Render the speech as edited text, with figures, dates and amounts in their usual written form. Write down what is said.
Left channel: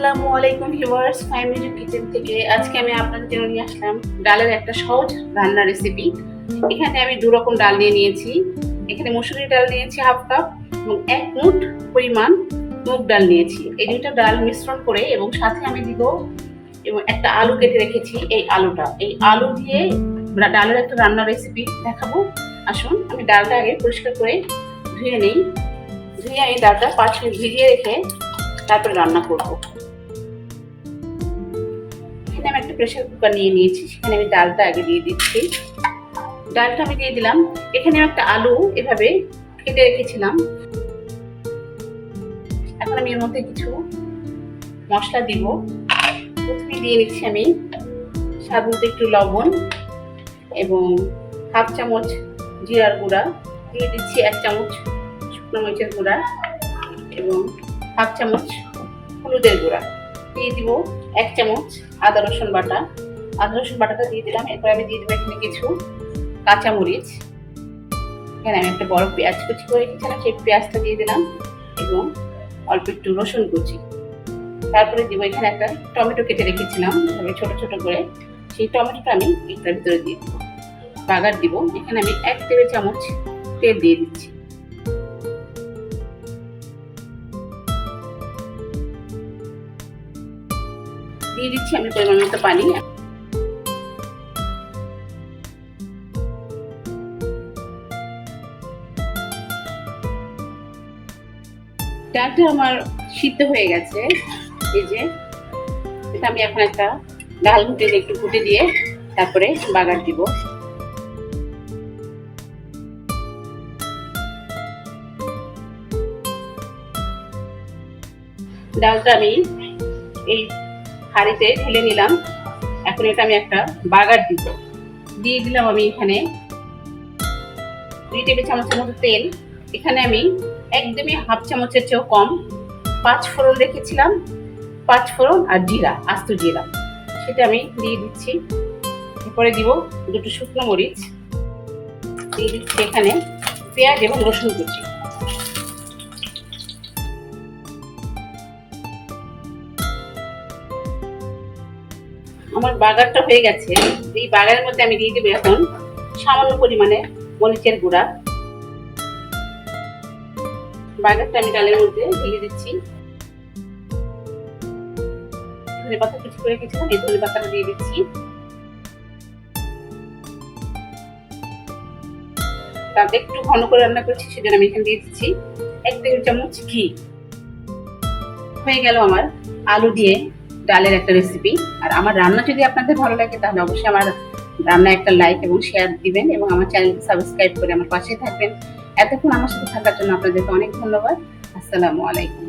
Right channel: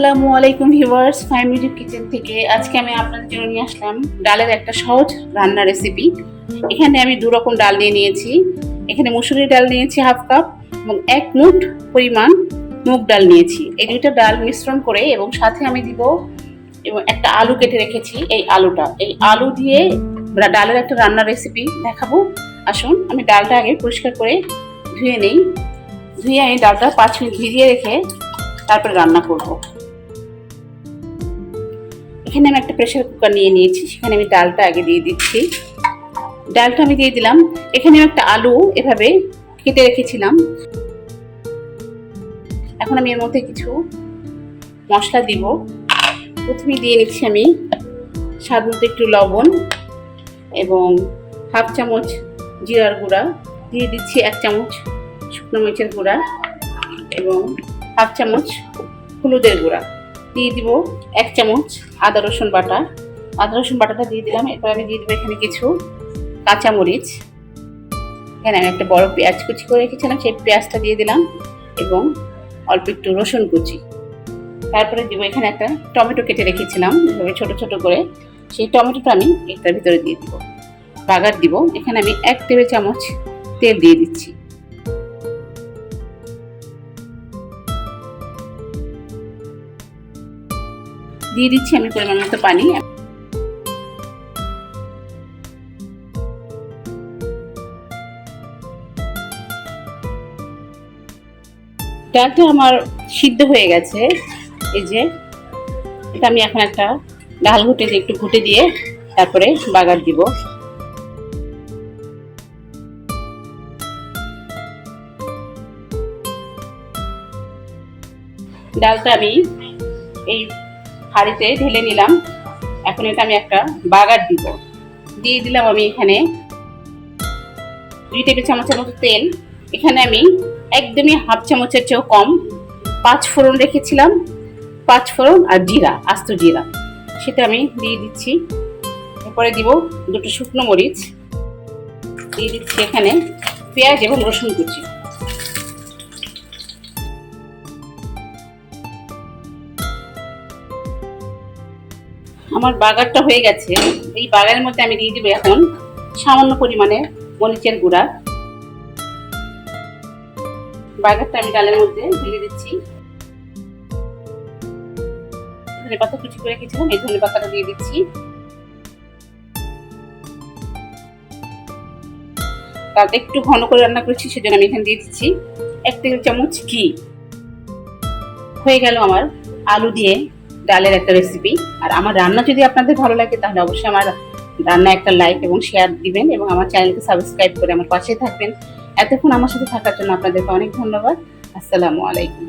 আসসালামু আলাইকুম viewers, Fahim music kitchen থেকে আজকে আমি আপনাদের জন্য নিয়ে আসলাম ডালের একটা সহজ রান্নার রেসিপি। এখানে আমি দু রকম ডাল নিয়ে নিয়েছি। এখানে মসুরি ডাল নিয়েছি হাফ কাপ এবং 1 মুঠ পরিমাণ মুগ ডাল নিয়েছি। এই দুইটা ডাল মিশ্রণ করে এবং সাথে আমি দিব এবং একটা আলু কেটে রেখেছি। এই আলু দিয়ে ডালের একটা রান্নার রেসিপি দেখাবো। আসুন আমি ডালটা আগে পরিষ্কার করে ধুয়ে নেই। ধুয়ে আমি ডালটা 5 মিনিট ভিজিয়ে রেখে তারপর রান্না করব। এখানে আমি একটা প্রেসার কুকার নিয়ে নিয়েছি, সেখানে আমি ডালটা আগে দিয়ে দিচ্ছি। ডালটা আমি দিয়ে দিলাম। এখানে একটা আলু এভাবে কেটে রেখেছিলাম। এখন আমি এর মধ্যে কিছু মশলা দিব। প্রথমে দিয়ে নিচ্ছি আমি স্বাদ মতো একটু লবণ এবং হাফ চামচ জিরার গুঁড়া, দিয়ে দিচ্ছি 1 চামচ শুকনো মরিচের গুঁড়া এবং হাফ চামচ হলুদের গুঁড়া, দিয়ে দিব 1 চামচ আদা রসুন বাটাটা দিয়ে দিলাম। এরপর আমি দিয়ে দেবো এখানে কিছু কাঁচামরিচ। এখানে আমি একটা বড় পেঁয়াজ কুচি করে রেখেছিলাম, সেই পেঁয়াজটা দিয়ে দিলাম এবং অল্প একটু রসুন কুচি। তারপরে দিব এখানে একটা টমেটো কেটে রেখেছিলাম এভাবে ছোট ছোট করে, সেই টমেটোটা আমি এটার ভিতরে দিয়ে দিব। বাগার দিব। এখানে আমি 1 টেবিল চামচ তেল দিয়ে দিচ্ছি। দিয়ে দিচ্ছি আমি পরিমাণ মতো পানি। ডালটা আমার সিদ্ধ হয়ে গেছে। এই যে এটা আমি এখন একটা ডাল ঘুটে দিয়ে একটু ঘুটে দিয়ে তারপরে বাগার দিব। ডালটা আমি এই হাঁড়িতে ঢেলে নিলাম। এখন এটা আমি একটা বাগার দিব। দিয়ে দিলাম আমি এখানে 2 টেবিল চামচের মতো তেল। এখানে আমি একদমই হাফ চামচের চেয়েও কম 5 ফোড়ন রেখেছিলাম। 5 ফোড়ন আর জিরা, আস্ত জিরা, সেটা আমি দিয়ে দিচ্ছি। এরপরে দিব 2টো শুকনো মরিচ, দিয়ে দিচ্ছি এখানে পেঁয়াজ এবং রসুন কুচি। আমার বাগারটা হয়ে গেছে। এই বাগারের মধ্যে আমি দিয়ে দেবো এখন সামান্য পরিমাণে মরিচের গুঁড়া। বাগারটা আমি ডালের মধ্যে ঢেলে দিচ্ছি। ধনে পাতা কুচি করে রেখেছিলাম, এই ধনে পাতাটা দিয়ে দিচ্ছি। তাতে একটু ঘন করে রান্না করছি, সেজন্য আমি এখানে দিয়ে দিচ্ছি 1 টেবিল চামচ ঘি। হয়ে গেল আমার আলু দিয়ে ডালের একটা রেসিপি। আর আমার রান্না যদি আপনাদের ভালো লাগে তাহলে অবশ্যই আমার রান্না একটা লাইক এবং শেয়ার দিবেন এবং আমার চ্যানেলকে সাবস্ক্রাইব করে আমার পাশে থাকবেন। এতক্ষণ আমার সাথে থাকার জন্য আপনাদেরকে অনেক ধন্যবাদ। আসসালামু আলাইকুম।